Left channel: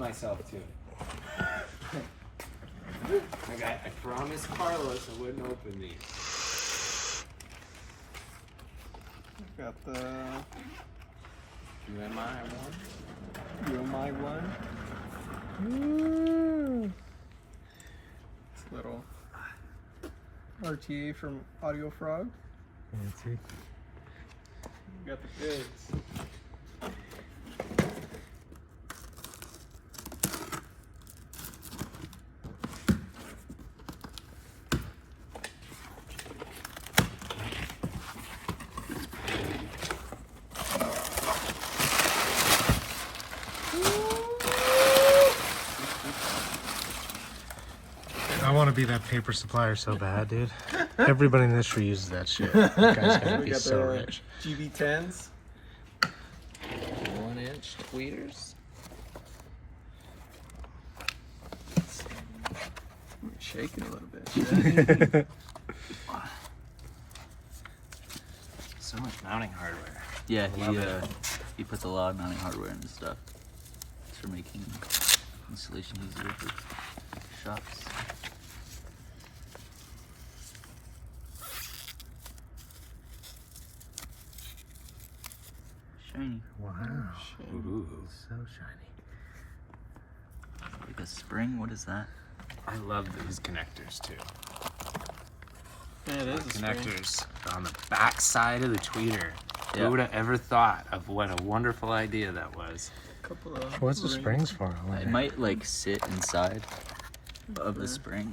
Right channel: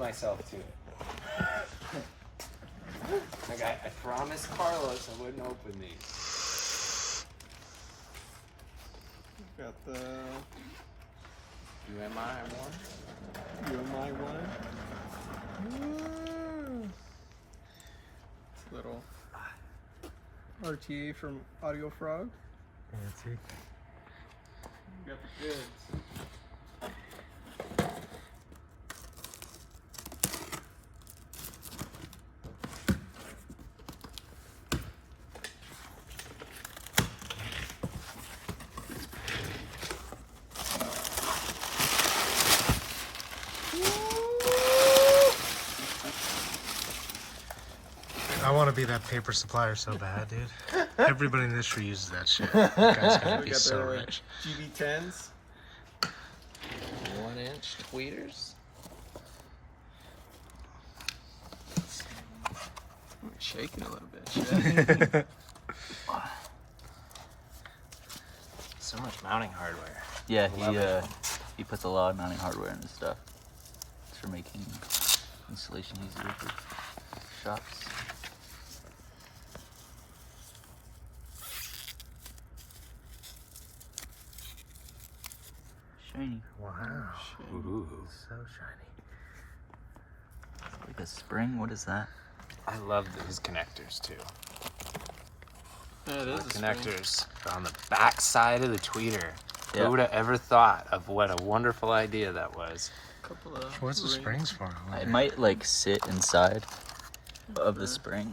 myself to it. Like I promised Carlos I wouldn't open these. Got the UMI one. UMI one. Ooh. Little RTA from Audio Frog. Fancy. Got the bids. I want to be that paper supplier so bad, dude. Everybody in the industry uses that shit. You guys gotta We be got so the rich. GB10s. 1-inch tweeters. I'm shaking a little bit. Shit. So much mounting hardware. Yeah, he puts a lot of mounting hardware in his stuff. It's for making installation easier for shops. Shiny. Wow. Ooh. So shiny. Like a spring? What is that? I love these connectors too. That is a spring. Connectors on the back side of the tweeter. Yeah. Who would have ever thought of what a wonderful idea that was? Couple of What's the rings. springs for? I It wonder. might like sit inside of the spring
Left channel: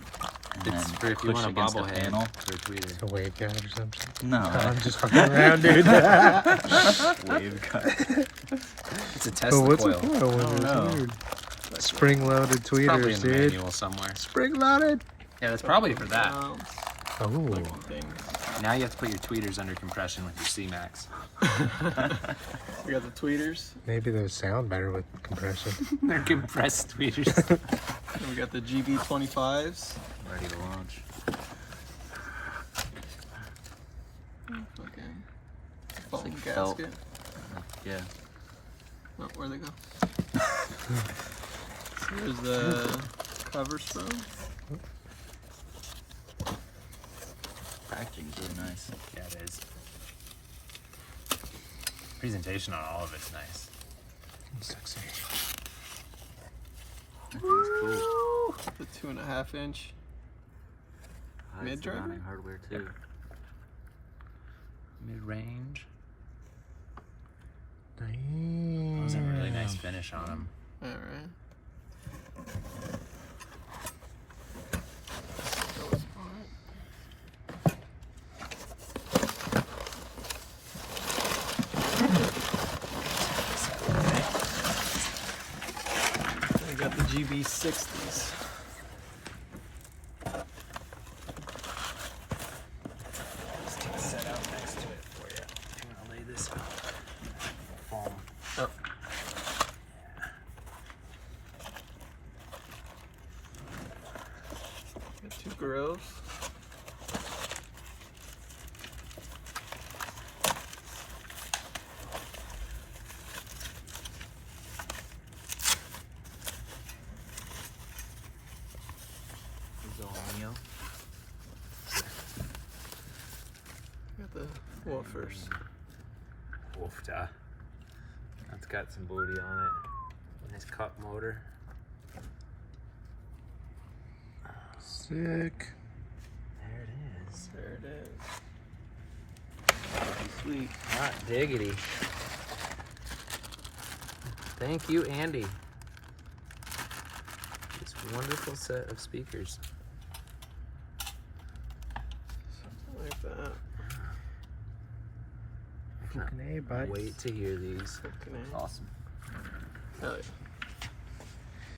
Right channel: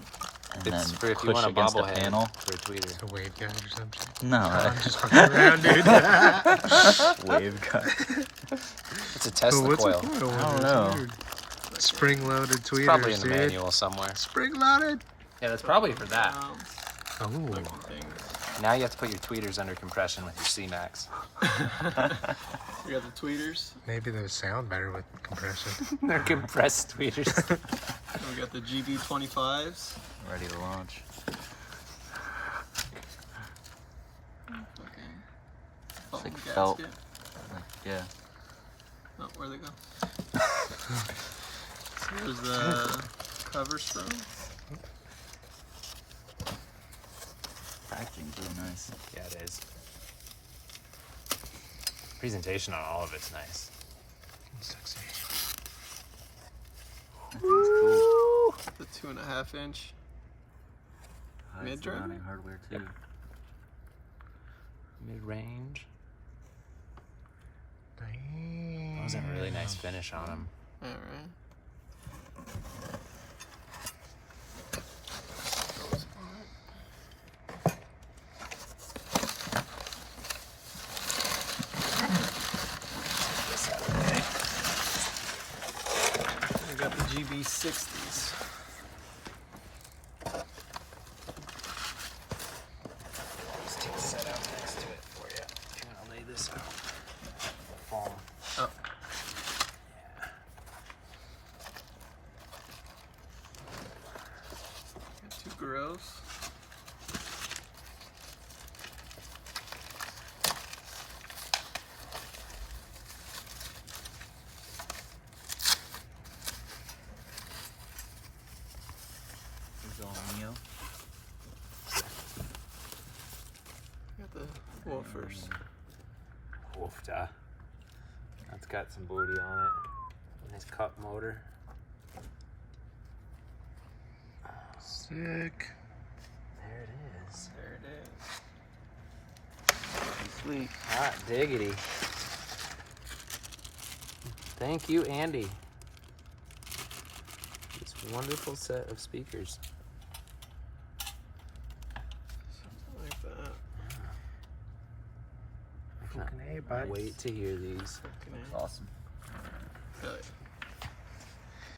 and It's then for if you push want a against a bobblehead panel. for a tweeter. A wave guide or something? No, I'm just fucking around, dude. wave cut. It's a But Tesla what's coil. a coil when I don't it's know. weird? Spring-loaded Probably in tweeters, the dude. manual somewhere. Spring-loaded. Yeah, that's probably for that. Oh. Looking things. Now you have to put your tweeters under compression with your C-Max. We got the tweeters. Maybe those sound better with compression. They're compressed tweeters. And we got the GB25s. Ready to launch. Okay. Foam like felt. gasket. Yeah. Oh, where'd they go? Here's the cover strom. Packaging's really nice. Yeah, it is. Presentation on all of it's nice. Sexy. Woo! The 2.5 inch. Oh, Mid it's the driver? mounting hardware too. Mid-range. Damn. That was a really nice finish on them. Alright. We got the GB60s. Let's take a set out next to it for you. I'll lay this foam. Oh. Got two grills. Got the woofers. Woofda. That's got some booty on it. Nice cup motor. Sick. There it is. There it is. Sweet. Hot diggity. Thank you, Andy. This wonderful set of speakers. Something like that. Fucking A, bud. Wait to hear these. Fucking A. Awesome. Hell yeah.